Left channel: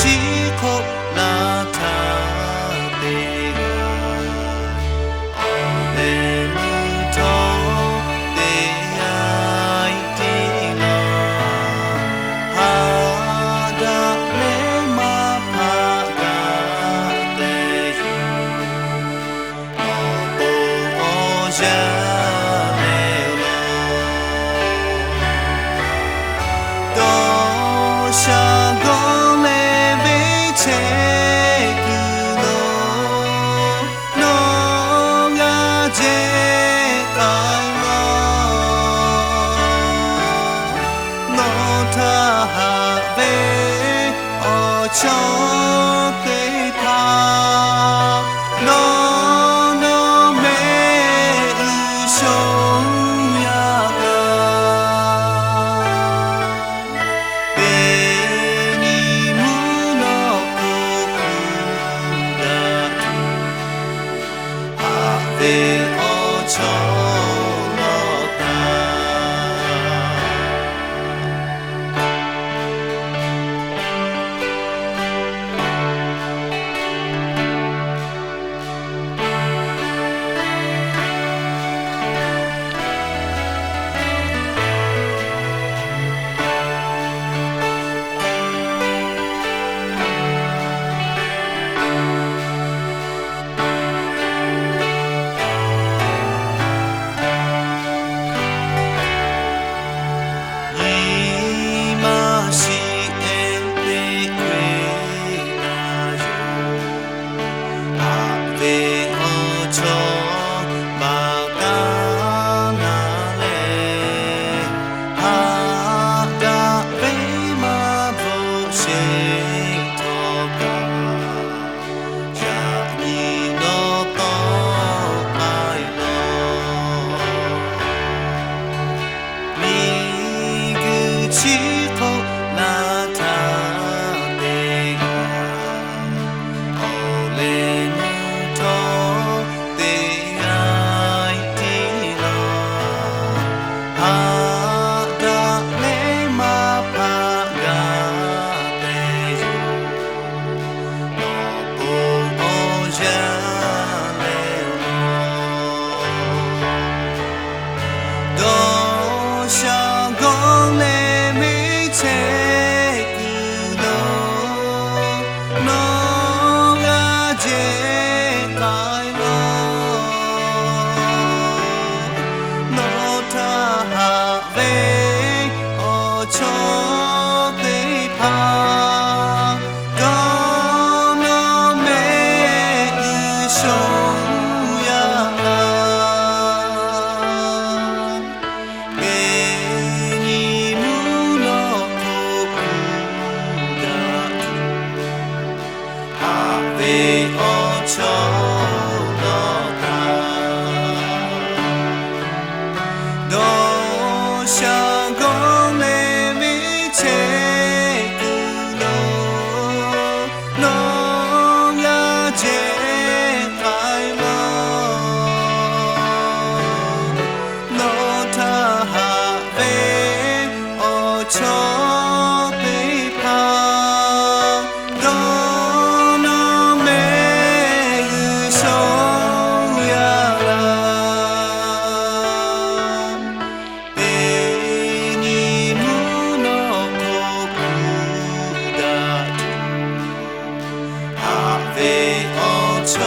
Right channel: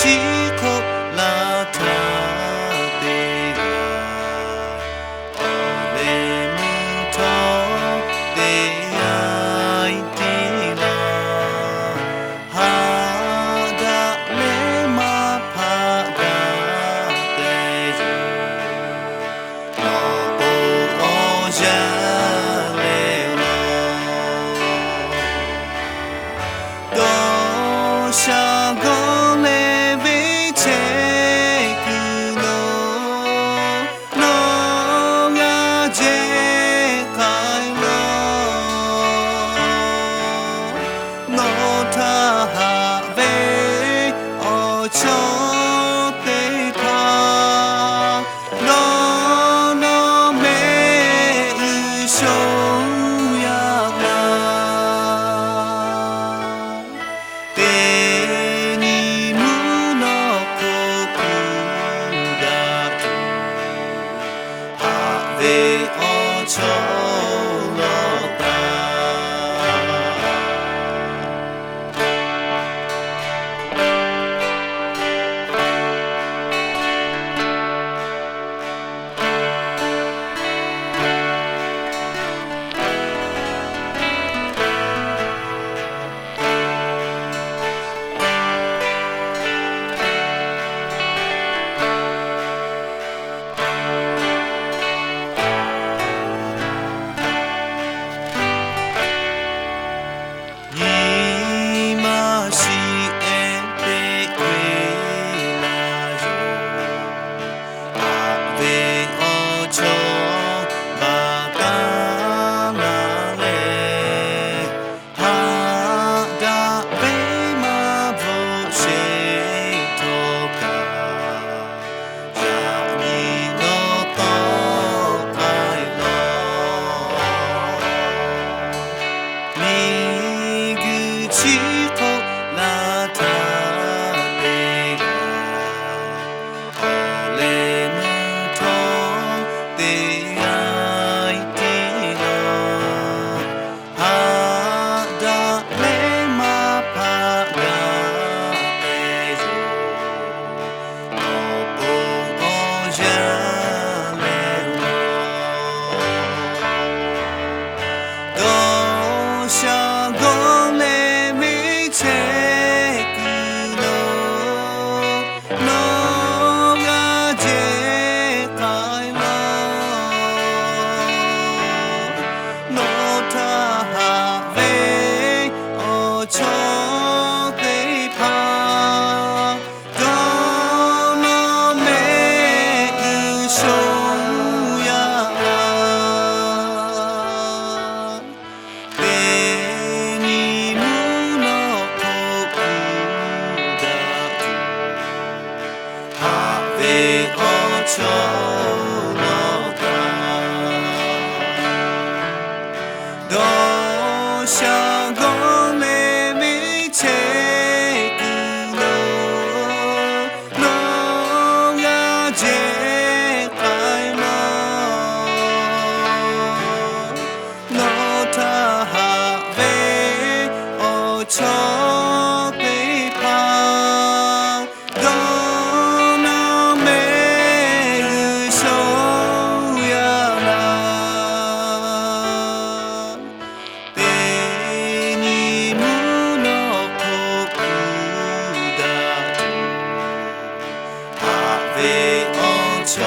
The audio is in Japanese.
しこらたてが俺にと出会いてらはだれまぱがてるのぼうじゃれらどうしゃごれべちくののがじかいのたはべおちょてたのめうしょやおちょろた教えてくれなよあべおちょばかなれはだべまぶしとかじゃにのとかいろみぐちこらたてが俺にと出会いてらはだれまぱがてよのぼうじゃれろどうしゃごれみちくのがじかいのたはべおちょてぱどのめうしょやはべおちょろたどうしゃごれみちくのがじかいのたはべおちょてぱどのめうしょやらべにむのこくだとはべおちょ